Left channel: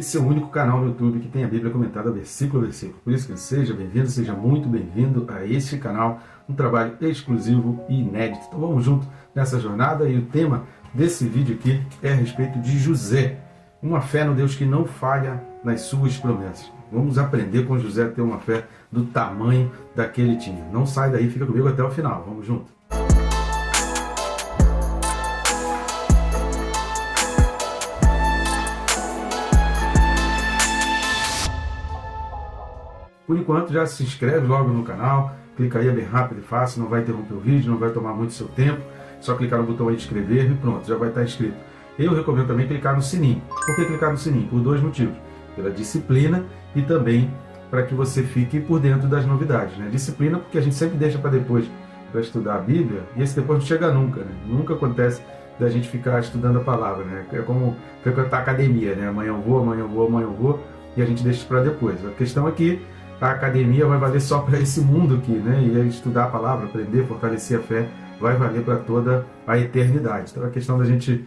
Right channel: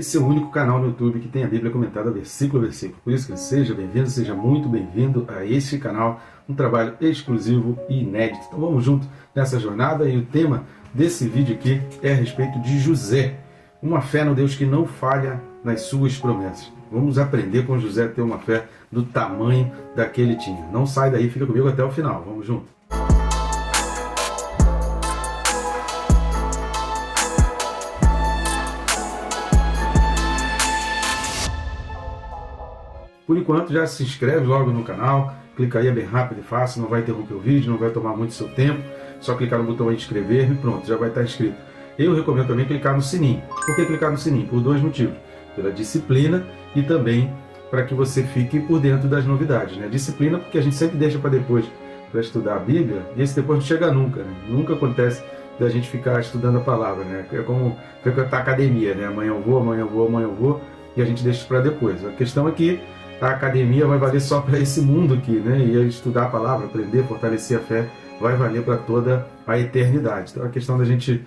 Esse é o único canal no YouTube que tem a Bíblia comentada versículo a versículo. Por isso que seja bem-vindo, seja muito bem-vindo a este canal, um trabalho exclusivo e inédito. Então vamos junto nessa jornada e o tema desse vídeo aqui é a respeito de José. Uma fé no Deus que não falha nas suas promessas. Vamos aprender com José a ter uma fé do tamanho daquele tinha. Não sai daí, fica comigo até o final. Vamos junto. Por enquanto, já se inscreve logo no canal, clica aí, é bem rápido e fácil, não vai interromper o vídeo, não vai tomar muito seu tempo, só clicar no botão aí de inscrever e pronto, já vai estar inscrito. Eu recomendo também clicar no sininho. Por que clicar no sininho? Por dois motivos. Pela disciplina e também para que você fique por dentro das novidades. Né? Disciplina porque a gente sempre deixa para depois para estudar a Bíblia e esse depois não chega nunca. Né? Nunca acontece da gente ficar estudando a palavra. Né? É como frequentar academia. Né? Amanhã eu vou e a gente deixa para depois. A questão é que a academia vai valer só para esse mundo aqui, né? E estudar a palavra, aprender, fortalecer a fé, vai valer para toda a eternidade. Então a questão da gente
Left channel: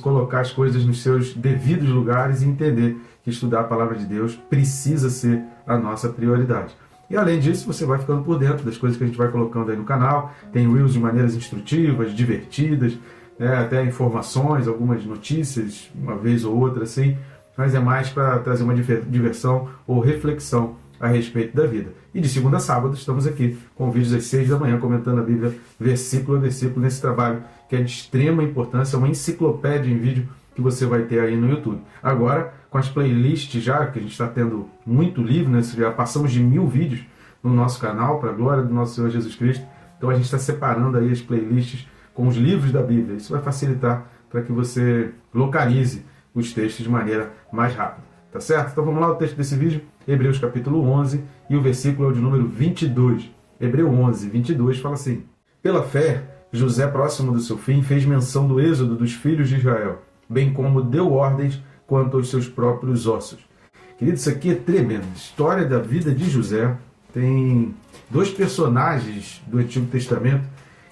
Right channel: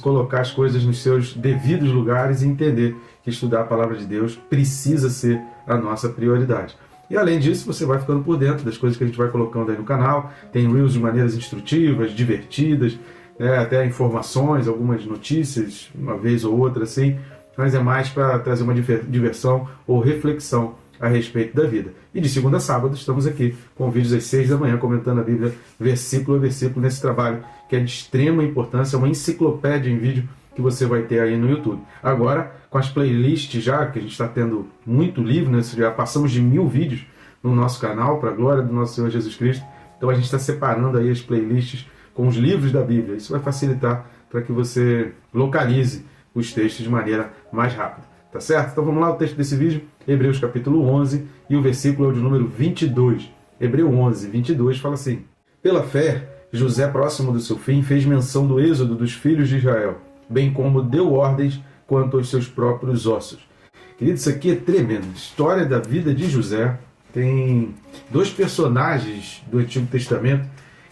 colocar as coisas nos seus devidos lugares e entender que estudar a palavra de Deus precisa ser a nossa prioridade. E além disso, você vai ficando por dentro das coisas que a gente vai colocando aí no canal. Tem reels de maneiras instrutivas, divertidas, né? Até informações, algumas notícias, uma vez ou outra assim, mas é mais para trazer uma diversão ou reflexão a respeito da vida. E de segunda a sábado estamos aqui com vídeos às 6 da manhã comentando a Bíblia versículo a versículo nesse trabalho que é de extrema importância, uma enciclopédia em vídeo que você vai ter aí no YouTube. Agora, com as playlists já, que a gente está tendo muito livro, né? Já passamos de 1000 vídeos no nosso canal, para a glória do nosso Senhor Jesus Cristo. Então a gente está separando aí as playlists com os livros da Bíblia. Isso vai facilitar para que você localize os textos de maneira mais rápida. Tá certo? Então vamos lá, o texto desse vídeo. Hebreus capítulo 11 e o versículo é o de número 22. Hebreu 11, 22 fala assim: Pela fé, José, próximo do seu fim, fez menção do êxodo dos filhos de Israel, bem como deu ordens quanto aos seus próprios ossos. Querido, isso aqui é tremendo. História da vida de José. Tem dois personagens do Antigo Testamento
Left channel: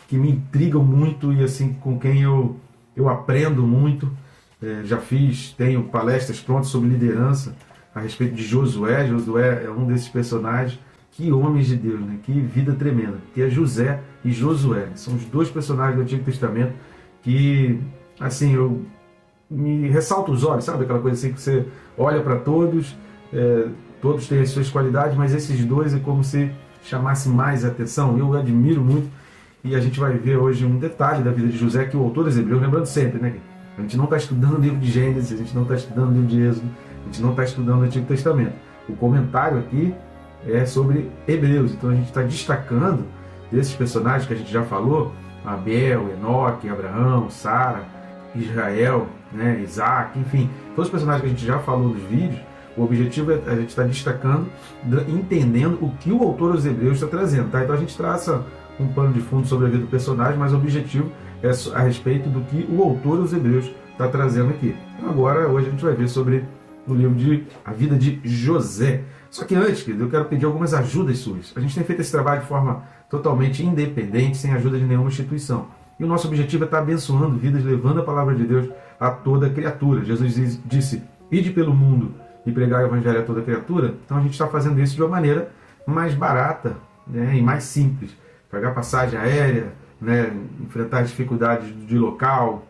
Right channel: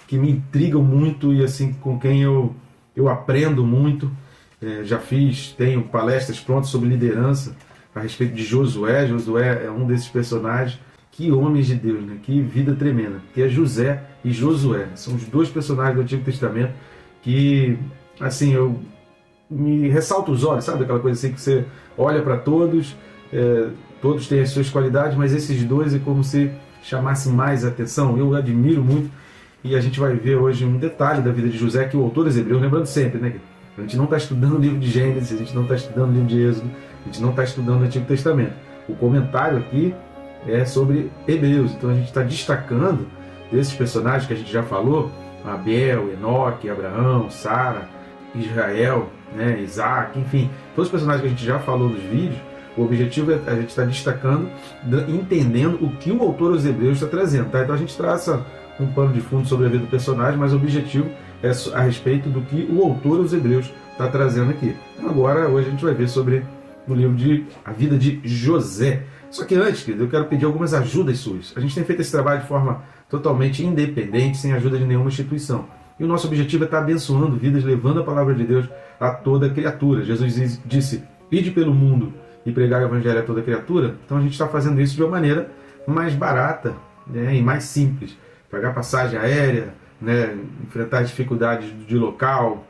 que me intrigam muito e assim com quem eu aprendo muito. Tenho palestras prontas sobre liderança a respeito de Josué. Josué é um desses personagens. Que homens de Deus, né? Que vida tremenda. Que é José e Josué. São os dois personagens do Antigo Testamento que, assim, me ressalta os olhos, sabe? Aquela coisa assim que você olha para todos, todos têm as suas qualidades, mas esses dois é como se chamasse mais atenção. Eu admiro muito e a gente vai ver hoje um detalhe da vida de José que o autor dos Hebreus, lembrando sempre, né? A gente não está estudando o livro de Gênesis, a gente não está estudando o livro de Êxodo, a gente não está estudando o Antigo Testamento. O comentário aqui é sobre Hebreus, então a gente está destacando desses personagens que a gente já falou: Abel, Enoque, Abraão, Sara, Israel, né, Isaac, enfim, todos os personagens que a gente já falou nos vídeos. O objetivo é a gente estar destacando, entendendo o que o autor dos Hebreus está trazendo. Tá? Então a gente traça um pano de fundo sobre a vida do personagem, mas o objetivo é a respeito do que o autor dos Hebreus está trazendo aqui. Agora, hoje a gente vai ver sobre o livro de A Vida de José. Só que antes, querido, eu quero pedir algumas ajudas suas. A gente tem feito esse trabalho de forma totalmente independente, sem ajuda de nenhuma instituição. E o nosso objetivo é estar abençoando vidas, levando a palavra de Deus a toda criatura. Jesus disse: ide pelo mundo e pregar o evangelho a toda criatura. Então a gente está fazendo isso de uma maneira mais barata, né, e mais simples. Pagar passagem aérea, né, enfrentar dificuldades de local,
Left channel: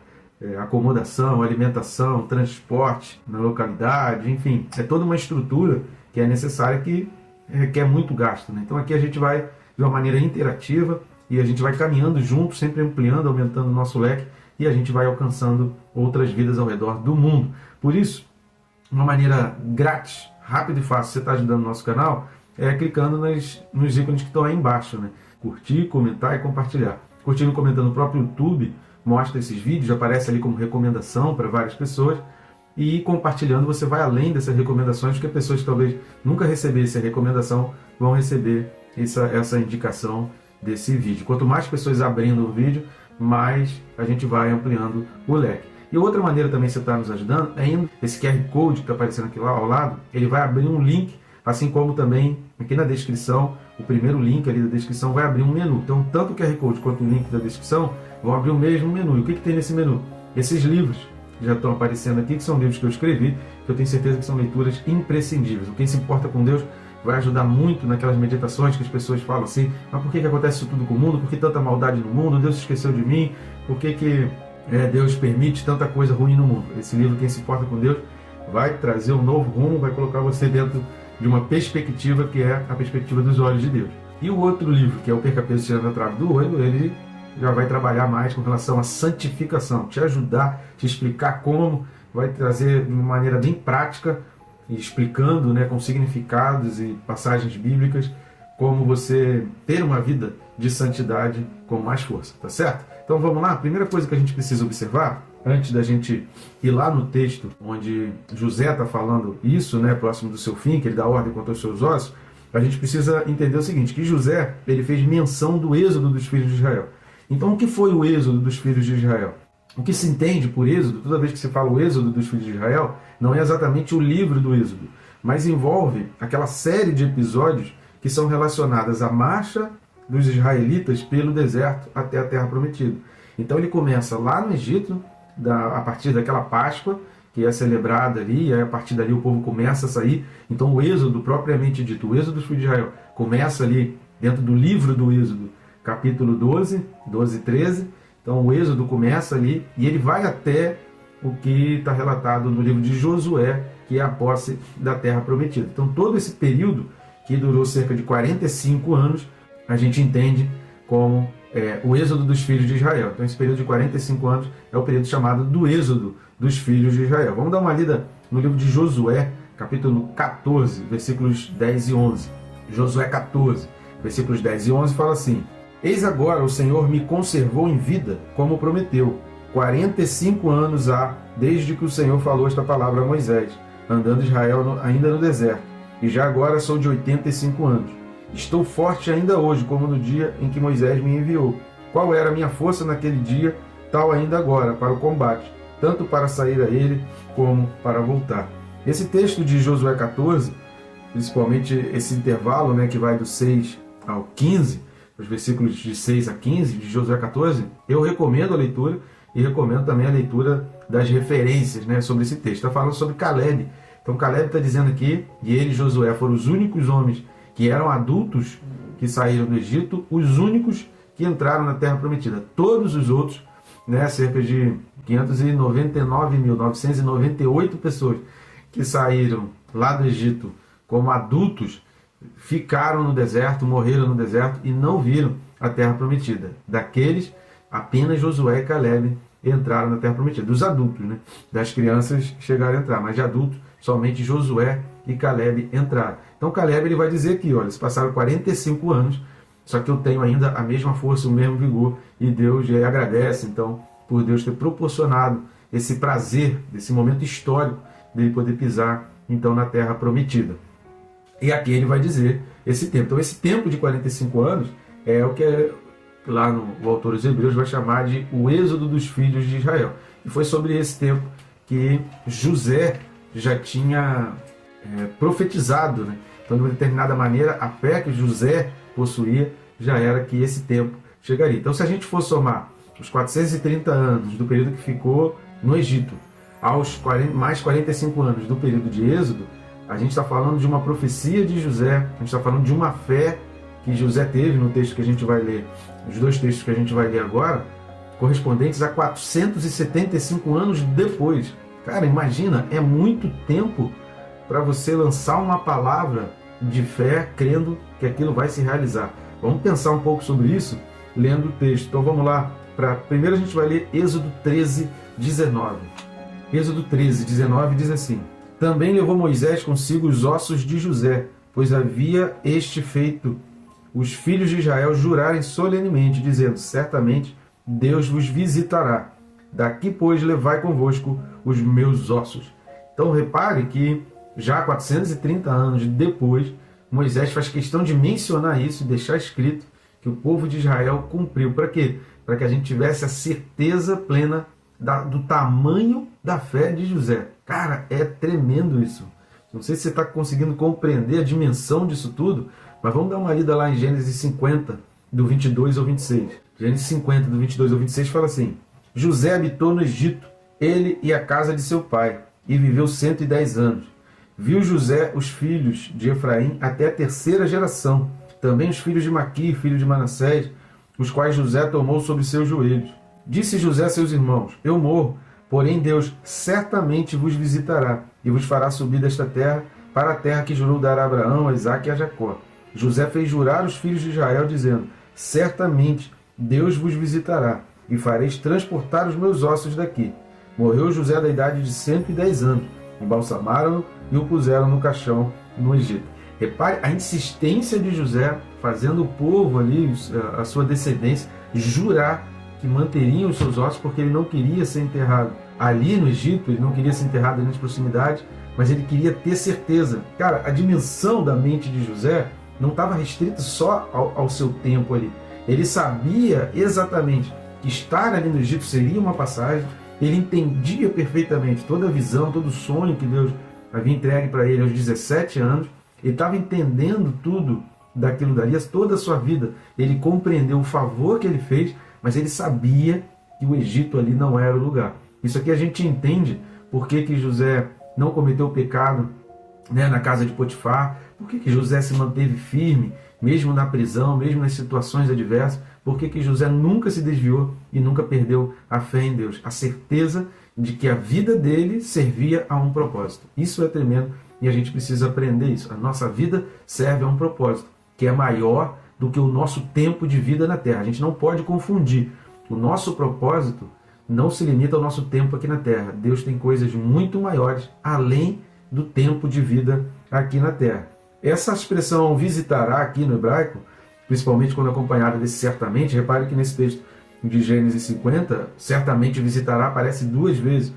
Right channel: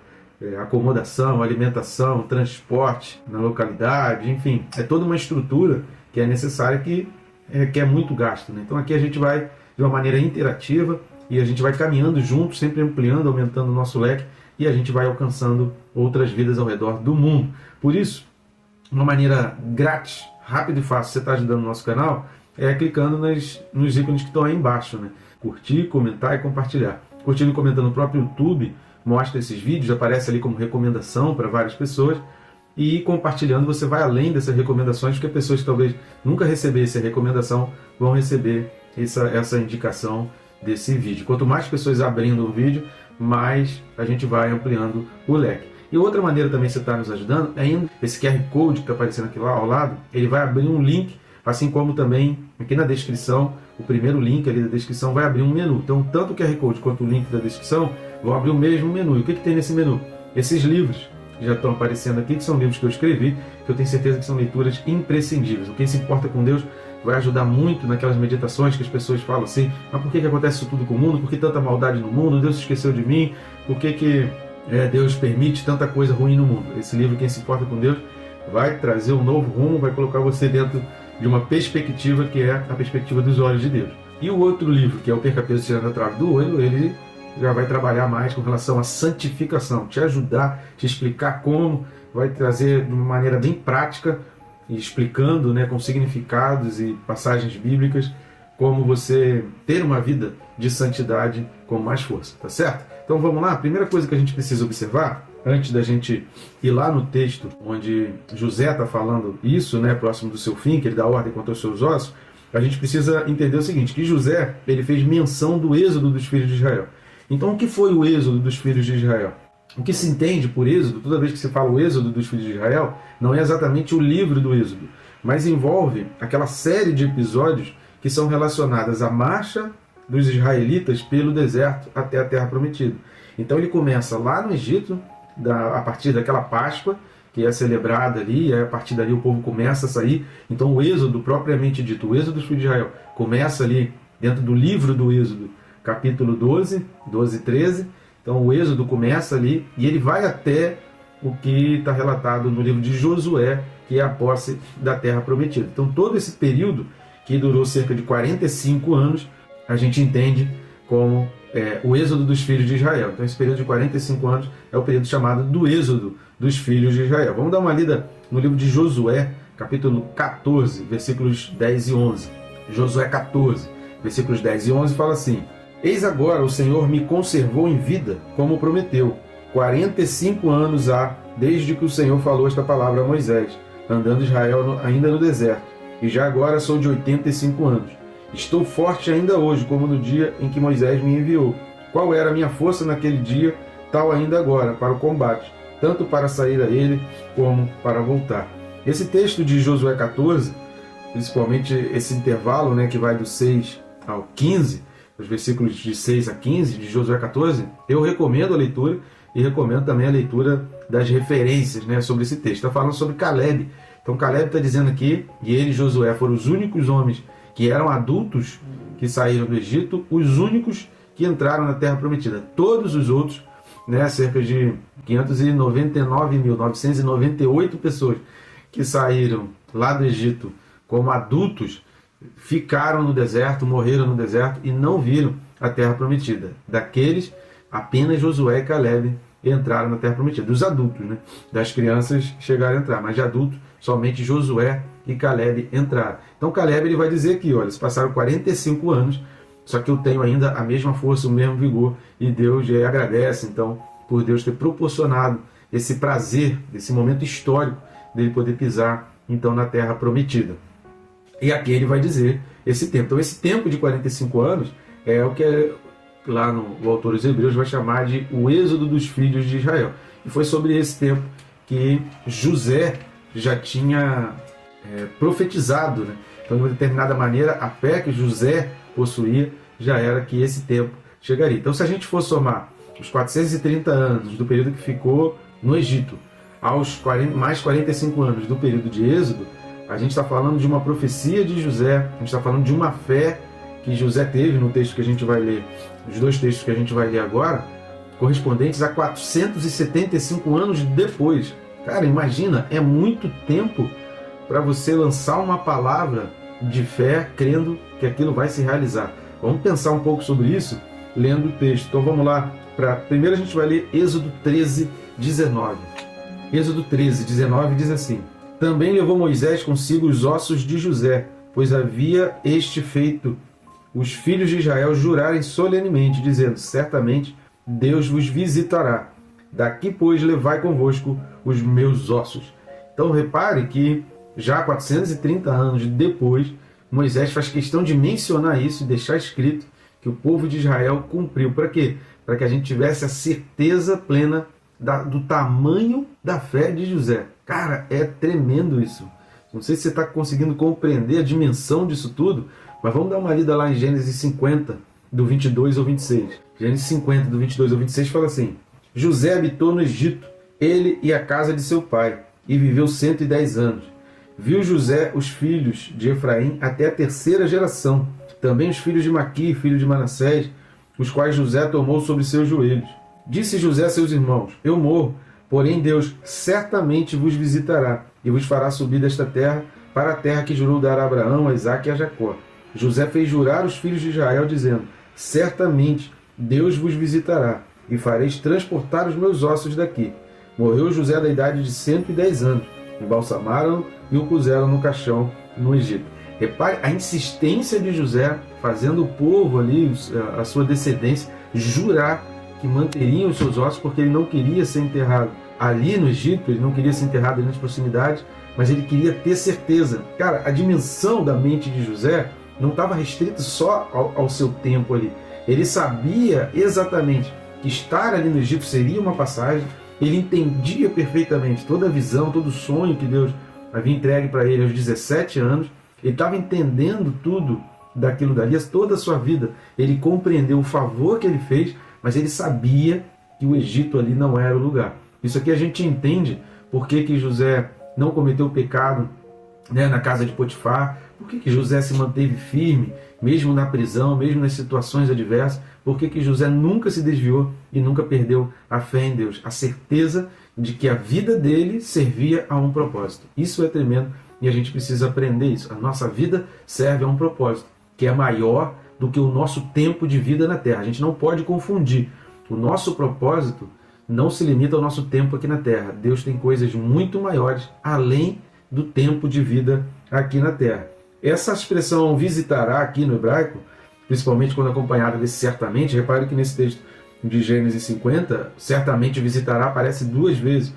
acomodação, alimentação, transporte na localidade, enfim, é toda uma estrutura que é necessária, que é muito gasto. Né? Então aqui a gente vai de uma maneira interativa e a gente vai caminhando juntos, sempre ampliando, aumentando o nosso leque e a gente vai alcançando outras vidas ao redor do mundo. Por isso, uma maneira grátis, rápida e fácil, você está ajudando o nosso canal, é clicando nos ícones que estão aí embaixo, né? Curtir, comentar e compartilhar. Curtindo e comentando no próprio YouTube, mostra esses vídeos, aparece ali como recomendação para várias pessoas. E compartilhando, você vai além dessas recomendações, porque pessoas que talvez nunca recebessem a recomendação vão receber essa indicação desse vídeo. Quanto mais pessoas abrindo o vídeo, mais a gente vai ampliando o leque. E outra maneira também que você está nos ajudando é indo esse QR Code que está aparecendo aqui lá ao lado, ele vai abrir um link, assim como também aqui na descrição, o primeiro link ali da descrição vai abrir um menu. Então, tanto o QR Code quanto o link da descrição vão abrir o mesmo menu. E o que tem nesse menu? Esses livros que já estão aparecendo aqui, que são livros que eu escrevi, que eu tenho certeza que são leituras imprescindíveis. Quem se importa com Deus vai ajudar muito naquelas meditações que as pessoas falam assim: mas por que acontece isso tudo com o mundo? Por que tanta maldade no mundo? Deus se esqueceu de mim? Por que Deus permite tanta coisa ruim no mundo? Nesse livro, Quem se importa com Deus, vai trazer um novo rumo, vai colocar você dentro de uma perspectiva que é a perspectiva dos olhos de Deus. E o outro livro, que é o Perca Peso Tirando a Trave do Olho, ele já vai trabalhar mais com relação à santificação, te ajudar, te explicar como, vai trazer de uma maneira bem prática, explicando, com significados e passagens bíblicas, como você ter uma vida de santidade com mais força, tá certo? Então vamos lá, a primeira coisa que a gente precisa observar, antes da gente ir lá no texto onde José está falando isso, próximo do seu fim, que ele dá ordem contra os seus ossos, a gente precisa entender o seguinte, que José, ele fez menção do êxodo dos filhos de Israel. Então o que foi o êxodo dos filhos de Israel? O que se entende por êxodo, toda vez que se fala o êxodo dos filhos de Israel, não é exatamente o livro do êxodo, mas envolve aquela série de episódios que são relacionadas à marcha dos israelitas pelo deserto até a terra prometida. Então ele começa lá no Egito, a partir daquela Páscoa, que é celebrada ali, e a partir dali o povo começa a sair. Então o êxodo, propriamente dito, o êxodo dos filhos de Israel, começa ali dentro do livro do êxodo, capítulo 12 e 13. Então o êxodo começa ali e ele vai até o que está relatado no livro de Josué, que é a posse da terra prometida. Então todo esse período, que durou cerca de 45 anos, a gente entende como o êxodo dos filhos de Israel. Então esse período de 45 anos é o período chamado do êxodo dos filhos de Israel. Vamos dar uma lida no livro de Josué, capítulo 14, versículos 10 e 11. Josué 14, versículos 10 e 11 fala assim: Eis agora o Senhor me conservou em vida, como prometeu. 45 anos há, desde que o Senhor falou esta palavra a Moisés, andando Israel ainda no deserto. E já agora sou de 85 anos. Estou forte ainda hoje, como no dia em que Moisés me enviou. Qual era a minha força naquele dia, tal ainda agora, para o combate, tanto para sair a ele, como para voltar. Esse texto de Josué 14, principalmente esse intervalo, que vai do 6 ao 15, os versículos de 6 a 15 de Josué 14, eu recomendo a leitura e recomendo também a leitura das referências sobre esse texto. Está falando sobre Caleb. Então Caleb está dizendo aqui, e ele e Josué foram os únicos homens que eram adultos que saíram do Egito, os únicos que entraram na Terra Prometida. Todos os outros, cerca de 599.998 pessoas que saíram lá do Egito como adultos, ficaram no deserto, morreram no deserto e não viram a Terra Prometida. Daqueles, apenas Josué e Caleb entraram na Terra Prometida. Dos adultos, das crianças chegaram a entrar, mas de adultos, somente Josué e Caleb entraram. Então Caleb ele vai dizer aqui, olha, se passaram 45 anos, só que eu tenho ainda a mesma força, o mesmo vigor, e Deus já agradece, então, por Deus ter proporcionado esse prazer, esse momento histórico, dele poder pisar, então, na Terra Prometida. E aqui ele vai dizer esse tempo. Então esse tempo de 45 anos é o que lá o autor dos Hebreus vai chamar de o êxodo dos filhos de Israel. E foi sobre esse tempo que José já tinha profetizado. Então, de uma determinada maneira, a fé que José possuía já era que esse tempo chegaria. Então, se a gente for somar os 430 anos do período que ficou no Egito, aos mais 45 anos do período de Êxodo, a gente está falando de uma profecia de José, a gente está falando de uma fé que José teve no texto que a gente vai ler, os dois textos que a gente vai ler agora, correspondentes a 475 anos depois. Cara, imagina, é muito tempo para você lançar uma palavra de fé, crendo que aquilo vai se realizar. Vamos pensar um pouco sobre isso, lendo o texto. Então vamos lá. Primeiro a gente vai ler Êxodo 13, 19. Êxodo 13, 19 diz assim: Também levou Moisés consigo os ossos de José, pois havia este feito os filhos de Israel jurarem solenemente, dizendo: Certamente Deus vos visitará. Daqui, pois, levai convosco os meus ossos. Então repare que já 430 anos depois, Moisés faz questão de mencionar isso e deixar escrito que o povo de Israel cumpriu. Para quê? Para que a gente tivesse a certeza plena do tamanho da fé de José. Cara, é tremendo isso. Não sei se você está conseguindo compreender a dimensão disso tudo, mas vamos dar uma lida lá em Gênesis 50, do 22 ao 26. Gênesis 50, do 22 ao 26 fala assim: José habitou no Egito, ele e a casa de seu pai, e viveu 110 anos. Viu José os filhos de Efraim até a terceira geração, também os filhos de Maqui, filho de Manassés, os quais José tomou sobre seus joelhos. Disse José a seus irmãos: eu morro, porém Deus certamente vos visitará, e vos fará subir desta terra para a terra que jurou dar a Abraão, a Isaque e a Jacó. José fez jurar os filhos de Israel, dizendo: certamente Deus vos visitará, e fareis transportar os meus ossos daqui. Morreu José da idade de 110 anos. Embalsamaram-no e o puseram no caixão no Egito. Repare a insistência de José, fazendo o povo ali, a sua descendência, jurar que manteriam os seus ossos, porque ele não queria ser enterrado ali no Egito, ele não queria ser enterrado ali nas proximidades, mas ele queria ter certeza. Cara, a dimensão da mente de José não estava restrita só ao seu tempo ali. Ele sabia exatamente que estar ali no Egito seria uma passagem. Ele entendia perfeitamente toda a visão, todo o sonho que Deus havia entregue para ele aos 17 anos. Ele estava entendendo tudo daquilo dali, toda a sua vida. Ele compreendeu o favor que ele fez, mas ele sabia que o Egito ali não era o lugar. Isso aqui a gente entende por que José não cometeu o pecado, né, na casa de Potifar, por que José se manteve firme, mesmo na prisão, mesmo nas situações adversas, por que José nunca se desviou e nunca perdeu a fé em Deus, a certeza de que a vida dele servia a um propósito. Isso é tremendo e a gente precisa aprender isso. A nossa vida serve a um propósito, que é maior do que o nosso tempo de vida na Terra. A gente não pode confundir. O nosso propósito não se limita ao nosso tempo aqui na Terra. Deus tem coisas muito maiores além do tempo de vida aqui na Terra. Essa expressão visitará aqui no hebraico, principalmente quando acompanhada desse certamente, repare que nesse texto de Gênesis 50, certamente visitará aparece 2 vezes.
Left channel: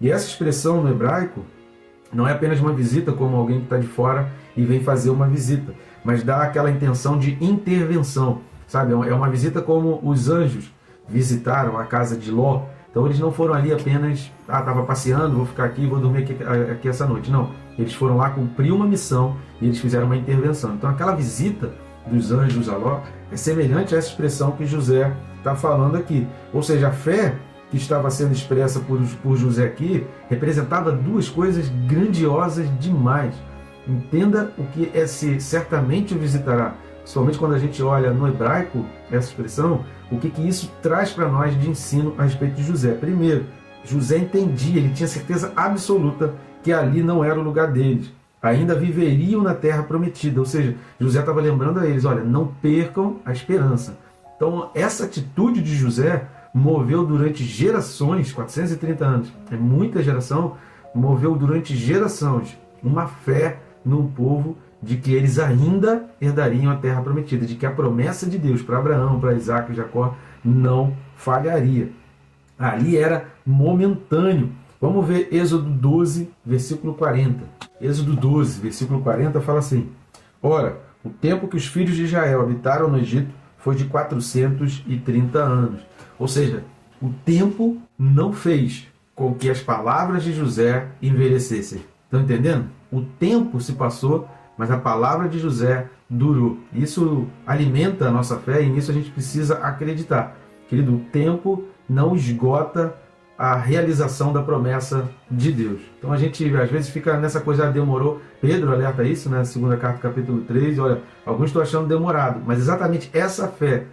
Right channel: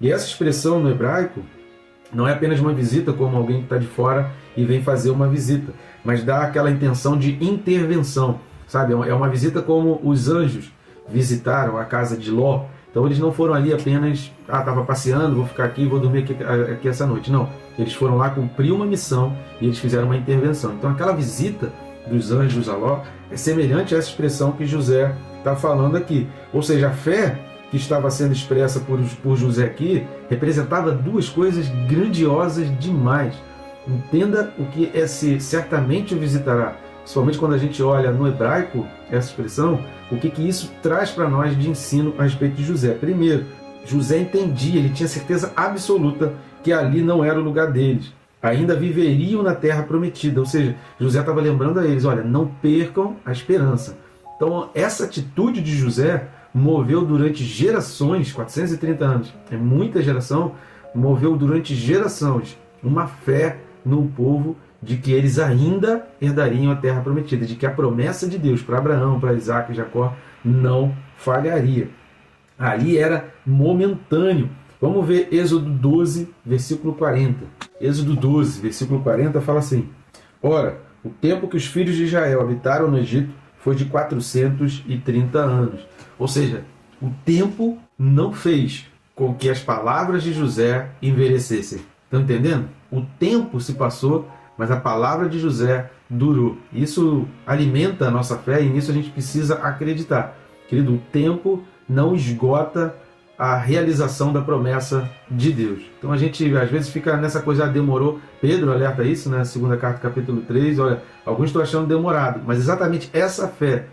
E essa expressão no hebraico não é apenas uma visita, como alguém que está de fora e vem fazer uma visita, mas dá aquela intenção de intervenção, sabe? É uma visita como os anjos visitaram a casa de Ló. Então eles não foram ali apenas, estava passeando, vou ficar aqui, vou dormir aqui essa noite. Não, eles foram lá cumprir uma missão e eles fizeram uma intervenção. Então aquela visita dos anjos a Ló é semelhante a essa expressão que José está falando aqui. Ou seja, a fé que estava sendo expressa por José aqui representava 2 coisas grandiosas demais. Entenda o que é ser certamente o visitará. Principalmente quando a gente olha no hebraico essa expressão, o que isso traz para nós de ensino a respeito de José. Primeiro, José entendia, ele tinha certeza absoluta que ali não era o lugar deles. Ainda viveriam na terra prometida. Ou seja, José estava lembrando a eles, olha, não percam a esperança. Então, essa atitude de José moveu durante gerações, 430 anos, é muita geração, moveu durante gerações uma fé no povo de que eles ainda herdariam a terra prometida, de que a promessa de Deus para Abraão, para Isaque e Jacó não falharia. Ali era momentâneo. Vamos ver Êxodo 12, versículo 40. Êxodo 12, versículo 40 fala assim: ora, o tempo que os filhos de Israel habitaram no Egito foi de 430 anos. Ou seja, o tempo não fez com que as palavras de José envelhecessem. Estão entendendo? O tempo se passou, mas a palavra de José durou. Isso alimenta a nossa fé e nisso a gente precisa acreditar. Querido, o tempo não esgota a realização da promessa de Deus. Então a gente às vezes fica nessa coisa, demorou. Pedro alerta isso, né? Segunda carta, capítulo 3. Olha, alguns estão achando demorado, mas exatamente essa fé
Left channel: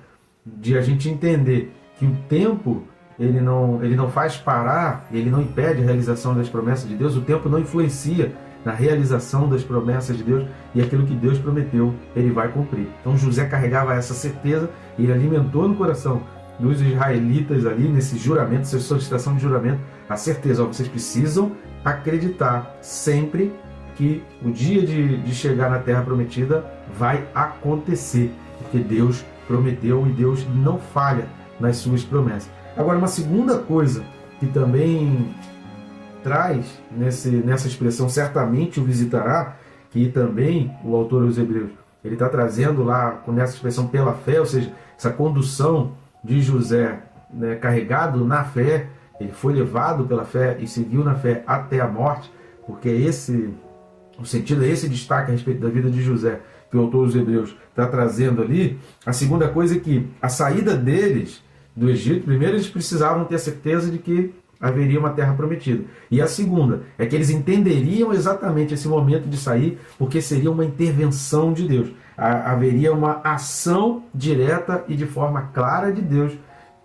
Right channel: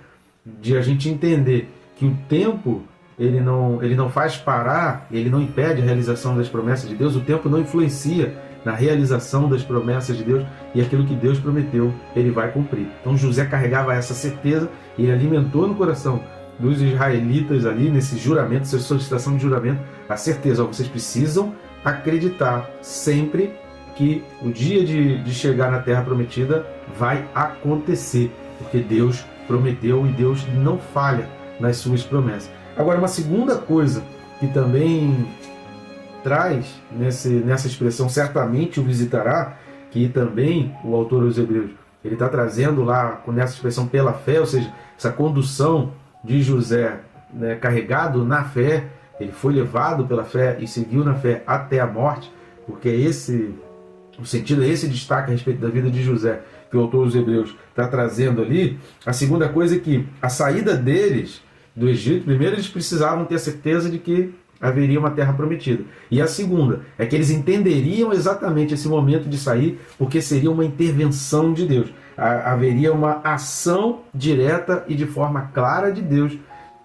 de a gente entender que o tempo ele não faz parar, ele não impede a realização das promessas de Deus, o tempo não influencia na realização das promessas de Deus, e aquilo que Deus prometeu, ele vai cumprir. Então José carregava essa certeza e ele alimentou no coração dos israelitas ali, nesse juramento, essa solicitação de juramento, a certeza, vocês precisam acreditar sempre que o dia de chegar na terra prometida vai acontecer, porque Deus prometeu e Deus não falha nas suas promessas. Agora, uma segunda coisa que também traz nessa expressão certamente o visitará, que também o autor aos Hebreus ele está trazendo lá nessa expressão pela fé, ou seja, essa condução de José, né, carregado na fé, ele foi levado pela fé e seguiu na fé até a morte, porque o sentido é esse destaque a respeito da vida de José que o autor dos Hebreus está trazendo ali. A segunda coisa é que a saída deles do Egito, primeiro eles precisavam ter a certeza de que haveria uma terra prometida. E a segunda é que eles entenderiam exatamente esse momento de sair, porque seria uma intervenção de Deus. Haveria uma ação direta e de forma clara de Deus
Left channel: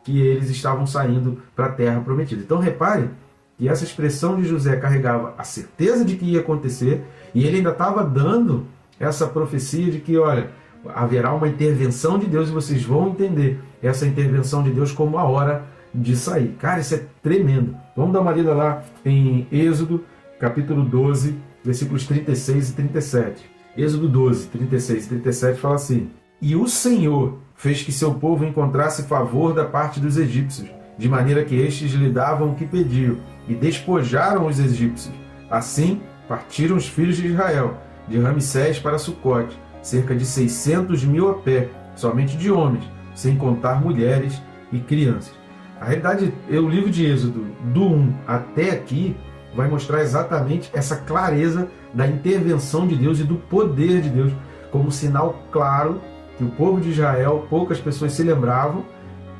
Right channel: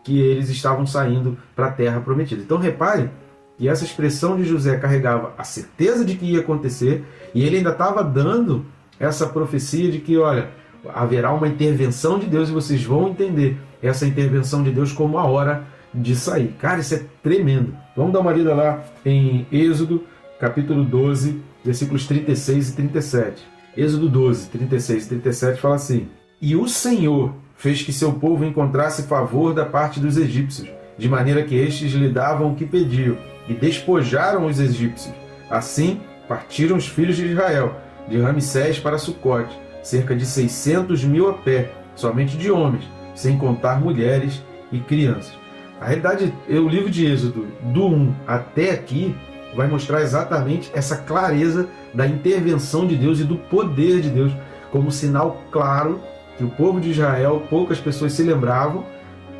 que eles estavam saindo para a terra prometida. Então repare que essa expressão de José carregava a certeza de que ia acontecer, e ele ainda estava dando essa profecia de que, olha, haverá uma intervenção de Deus e vocês vão entender essa intervenção de Deus como a hora de sair. Cara, isso é tremendo. Vamos dar uma olhada lá em Êxodo, capítulo 12, versículos 36 e 37. Êxodo 12, 36 e 37 fala assim: E o Senhor fez que seu povo encontrasse favor da parte dos egípcios, de maneira que estes lhe davam o que pediam, e despojaram os egípcios. Assim, partiram os filhos de Israel, de Ramsés para Sucote, cerca de 600.000 a pé, somente de homens, sem contar mulheres e crianças. Na realidade, o livro de Êxodo, do 1 até aqui, vai mostrar exatamente essa clareza da intervenção de Deus e do poder de Deus, como sinal claro que o povo de Israel, poucas pessoas se lembravam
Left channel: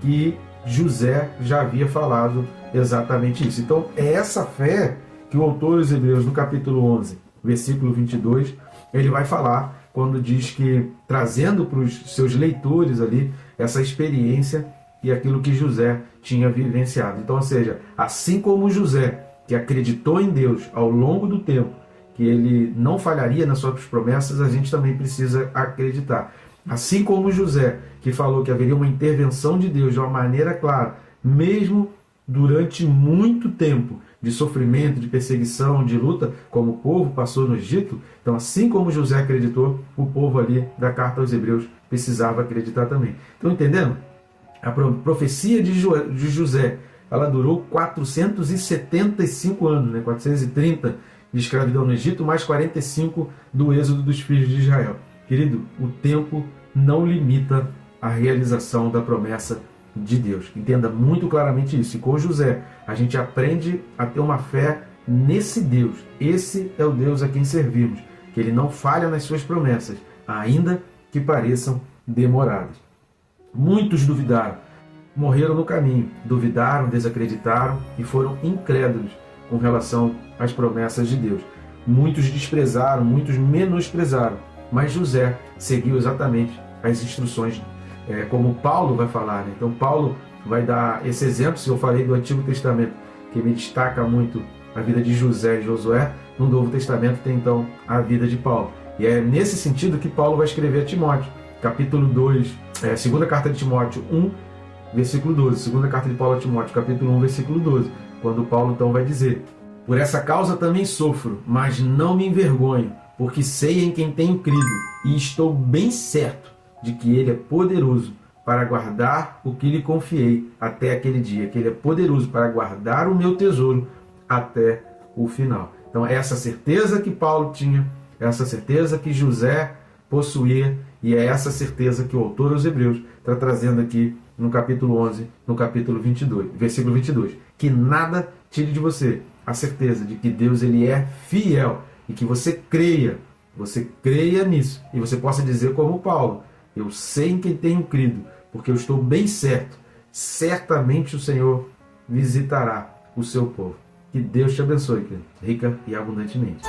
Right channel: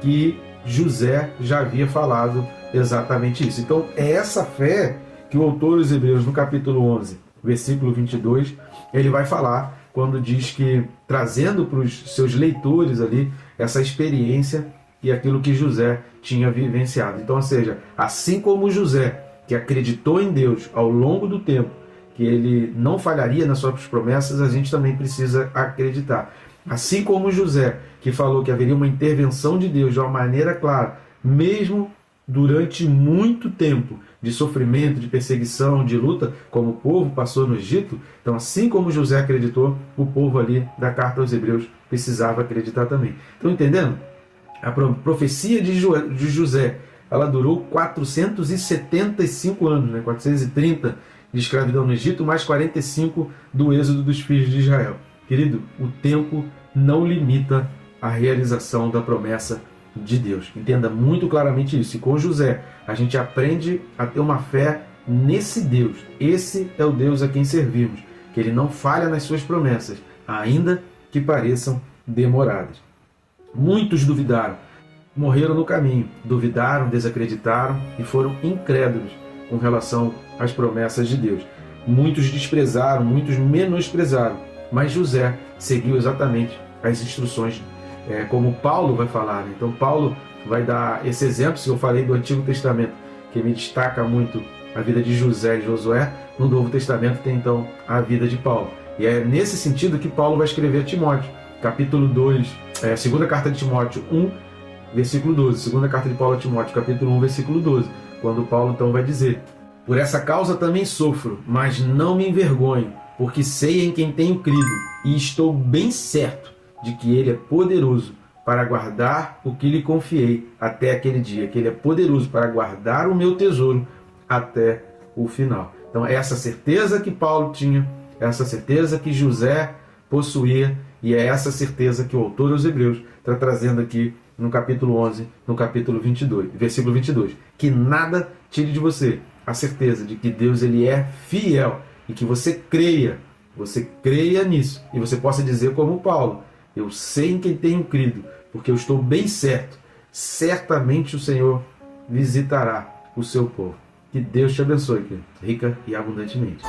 que José já havia falado exatamente isso. Então, é essa fé que o autor dos Hebreus, no capítulo 11, versículo 22, ele vai falar quando diz que, trazendo para os seus leitores ali essa experiência e aquilo que José tinha vivenciado. Então, ou seja, assim como José, que acreditou em Deus ao longo do tempo, que ele não falharia nas suas promessas, a gente também precisa acreditar. Assim como José, que falou que haveria uma intervenção de Deus de uma maneira clara, mesmo durante muito tempo de sofrimento, de perseguição, de luta, como o povo passou no Egito. Então, assim como José acreditou, o povo ali da carta aos Hebreus precisava acreditar também. Estão entendendo? A profecia de José, ela durou 475 anos, né? 430 de escravidão no Egito, mais 45 do êxodo dos filhos de Israel. Querido, o tempo não limita a realização da promessa de Deus. Entenda muito claramente isso. E com José, a gente aprende a ter uma fé nesse Deus. Esse é o Deus a quem servimos, que ele não falha nas suas promessas, ainda que pareçam demoradas. Muitos duvidaram, morreram no caminho, duvidaram, desacreditaram e foram incrédulos com relação às promessas de Deus. Muitos desprezaram, muitos menosprezaram, mas José seguiu exatamente as instruções, como Paulo vai falar, né? Então Paulo vai dar esse exemplo, se eu falei do Antigo Testamento, que me destaca muito a vida de José e Josué, no Novo Testamento tem então a vida de Paulo. E é nesse sentido que Paulo vai escrever a Timóteo, capítulo 2, segunda carta de Timóteo 1, versículo 12, segunda carta de Paulo a Timóteo, capítulo 1, versículo 12, quando Paulo então vai dizer: Por essa causa também sofro, mas não me envergonho, porque sei em quem tenho crido, e estou bem certo de que ele é poderoso para guardar o que lhe confiei até aquele dia, que ele é poderoso para guardar o meu tesouro até o final. Então, essa certeza que Paulo tinha, essa certeza que José possuía, e é essa certeza que o autor dos Hebreus está trazendo aqui no capítulo 11, no capítulo 22, versículo 22. Que nada tire de você a certeza de que Deus ele é fiel e que você creia nisso e você possa dizer como Paulo: eu sei em quem tenho crido, porque eu estou bem certo, certamente o Senhor visitará o seu povo. Que Deus te abençoe, rica e abundantemente.